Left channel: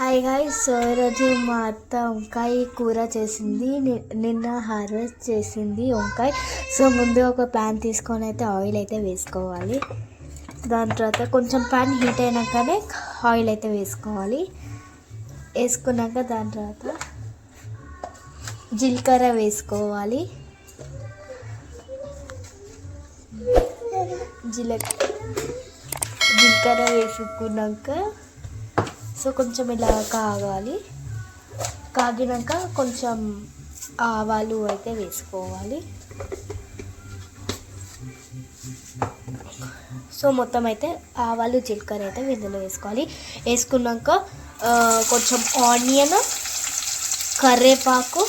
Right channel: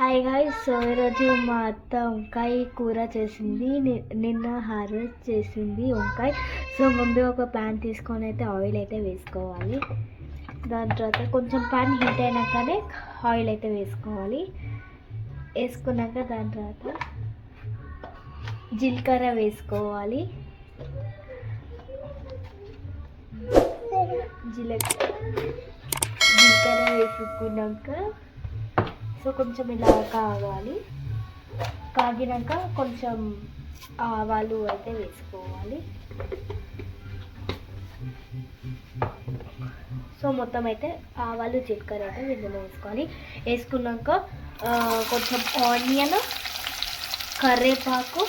Hi guys. So ఈరోజు మా అత్త వంకాయ కూర చేసింది. నిన్న హార్వెస్ట్ చేసింది వంకాయ. సో ముందు ఒక ప్యాన్ తీసుకొని అయితే ఆయిల్ అయితే వేసుకోవాలి. దాని తర్వాత కొంచెం ప్యాన్ హీట్ అయినాకనే ఆయిల్ అయితే వేసుకోవాలి. వేసుకున్నాక దాని తర్వాత జీలకర్ర వేసుకోవాలి. జీలకర్ర వేసుకున్నాక సో కొంచెం ఇలా కాగినాక కొంచెం ఆవాలు అయితే వేసుకోవాలి. సో మొత్తం అయితే ఆవాలు జీలకర్ర అయితే ఇందులో వేసుకోవాలి. వేసుకున్నాక కొంచెం ఆనియన్, కరివేపాకు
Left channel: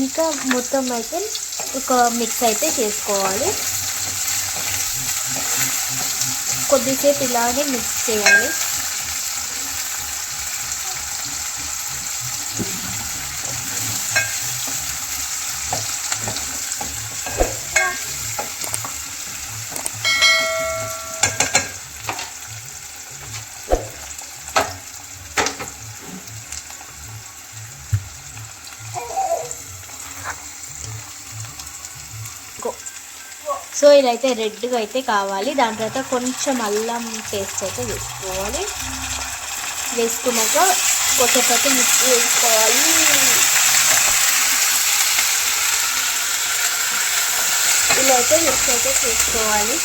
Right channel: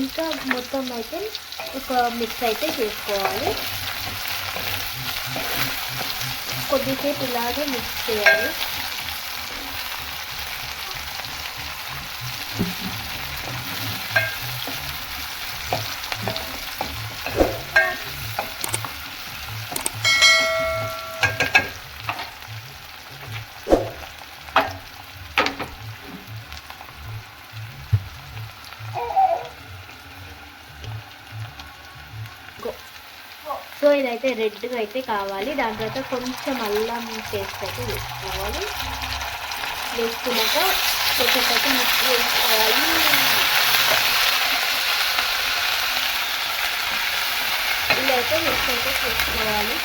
ఇంకా మొత్తం అయితే ఒక మిక్స్ అయితే చేసుకోవాలి. కొద్దిసేపు ఇలాగే మిక్స్ చేయాలి. సో ఇదైతే రెడ్గా అయితే కావాలి. దాని తర్వాత కొంచెం అల్లం పేస్ట్ అయితే వేసుకోవాలి. వేసుకున్నాక కొంచెం మిక్స్ వేసుకోవాలి. ఇలా అయితే మిక్స్ అయితే చేసుకోవాలి.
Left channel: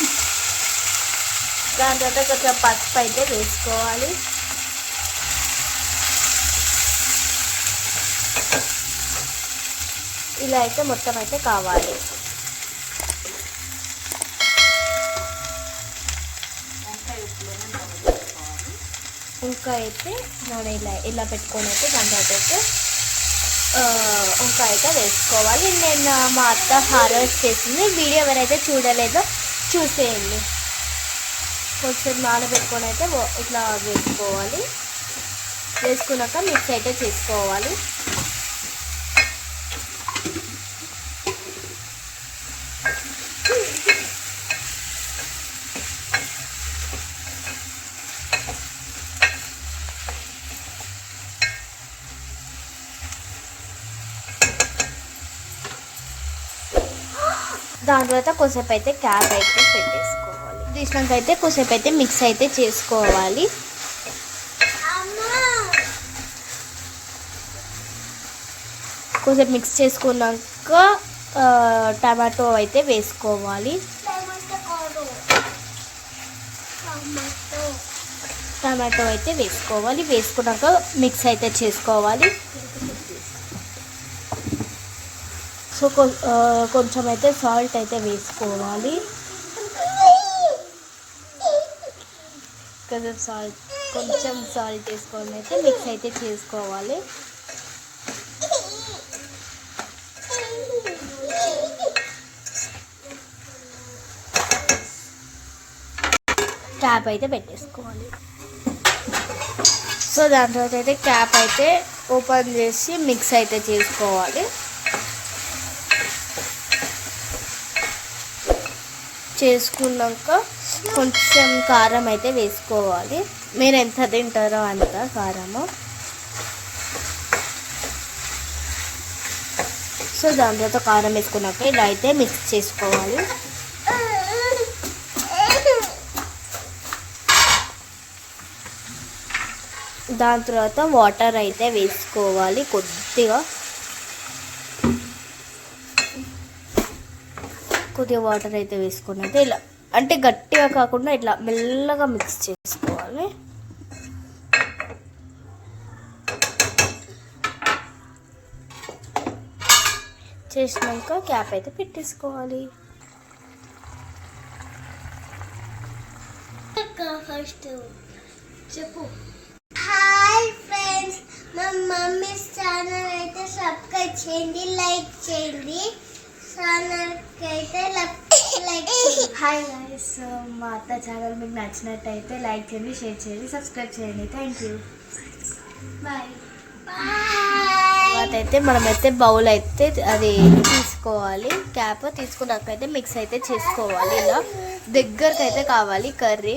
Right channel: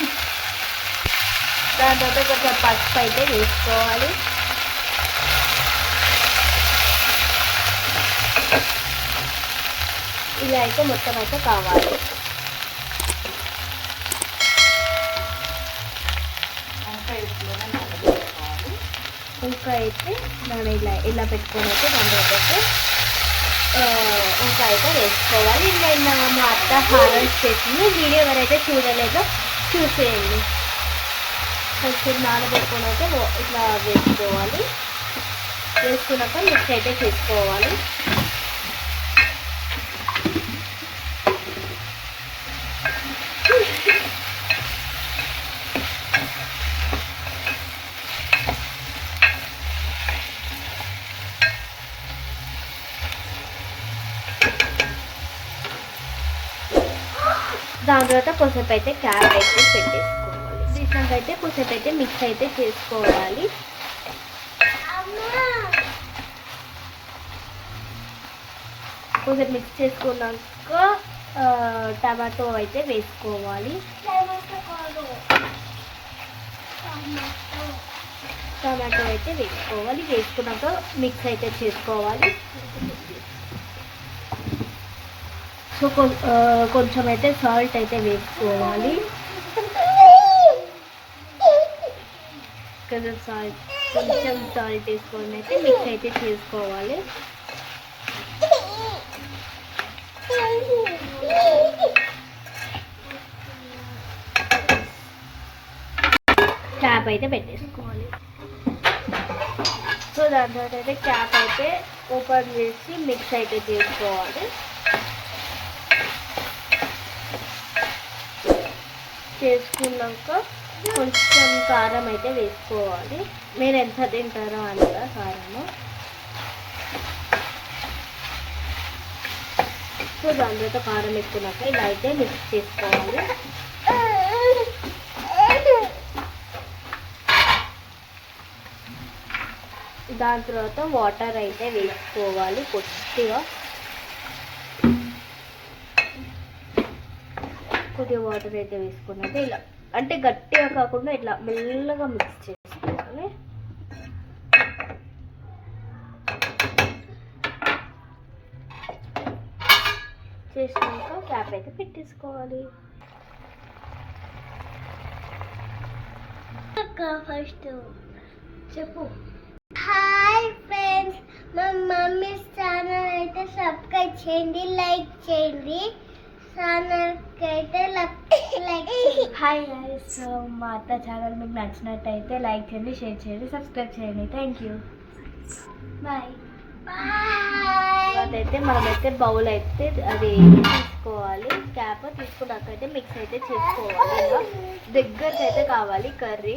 దాని తర్వాత కొంచెం పసుపు అయితే వేసుకోవాలి. ఇలా అయితే మొత్తం అయితే కావాలి. ఇంకా అయితే మనం ఇలా పెట్టుకొని అయితే దాని తర్వాత అయితే ఇంకా అయితే వేసుకోవాలి. నేను మా అత్త హార్వెస్ట్ చేసింది వీడియో ఎవరైతే చూడలేదో చూసేయండి. కొంచెం నానబెట్టుకొని అయితే ఇట్లా వేసుకోవాలి. వేసుకున్నాక మిక్స్ అయితే చేసుకోవాలి. దాని తర్వాత కొద్దిసేపు అయితే క్యాప్ అయితే పెట్టేసుకోవాలి. తీసినాక అయితే కొద్దిసేపు అయితే మిక్స్ అయితే చేసుకోవాలి. కొద్దిసేపు మిక్స్ చేసుకున్నాక టమాటో అయితే వేసుకోవాలి. టమాటో అయితే వేసుకోవాలి. వేసుకున్నాక మిక్స్ అయితే చేసుకోవాలి. సో కొంచెం అయితే సాల్ట్ అయితే వేసుకోవాలి. కొంచెం సాల్ట్ వేసుకొని అయితే మిక్స్ అయితే చేసుకోవాలి. క్యాప్ అయితే పెట్టేసుకోవాలి. సో దాని తర్వాత అయితే క్యాప్ అయితే ఓపెన్ చేసి మిక్స్ అయితే చేసుకోవాలి. చేసుకున్నాక కొంచెం కారం అయితే వేసుకోవాలి. మీరు ఎంత తింటారో అంత కారము. సో దాని తర్వాత కారం వేసుకున్నాక ఇలా అయితే మిక్స్ చేసుకోవాలి. దాని తర్వాత వాటర్ అయితే వేసుకోవాలి. కొద్దిగా వాటర్ అయితే వేసుకున్నది ఇలా అంటే గట్టిగా కాకుండా ఇట్లా మెల్లగా మిక్స్ చేసుకోవాలి. చేసినాక క్యాప్ అయితే పెట్టేసుకోవాలి. ఫస్ట్ చెప్పు. హాయ్ ఫ్రెండ్స్, మా మమ్మీ ఛానల్ అయితే సబ్స్క్రైబ్ చేయండి, లైక్ చేయండి. Hi guys. మా అత్త ఛానల్ మీకు నచ్చినట్టయితే లైక్ చేయండి, షేర్ చేయండి, సబ్స్క్రైబ్ చేయండి. Thank you. బాయ్. అయితే మనమైతే బౌల్ అయితే అది తీసుకోవాలి. క్యాప్ తీసుకున్నాకైతే మిక్స్ అయితే చేసుకోవాలి. ఇలా దగ్గరకు అయితే కావాలి కర్రీ.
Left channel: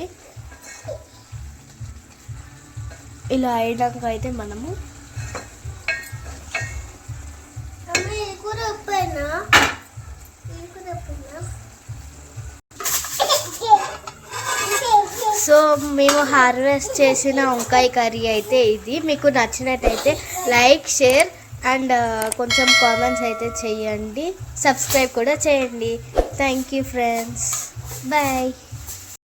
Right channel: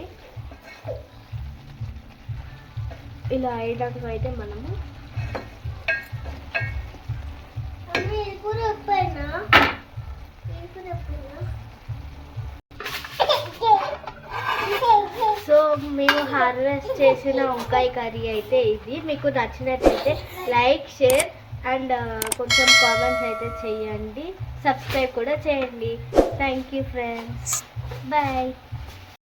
ఇలా అయినాక అయితే మనము సో మేము హార్వెస్ట్ చేసిన వంకాయ కర్రీ అయితే ఇది. మీకు నచ్చినట్టయితే లైక్, షేర్ అండ్ కొంచెం కామెంట్స్ అయితే చేయండి. సబ్స్క్రైబ్ కూడా చేయండి. Thank you friends. బాయ్.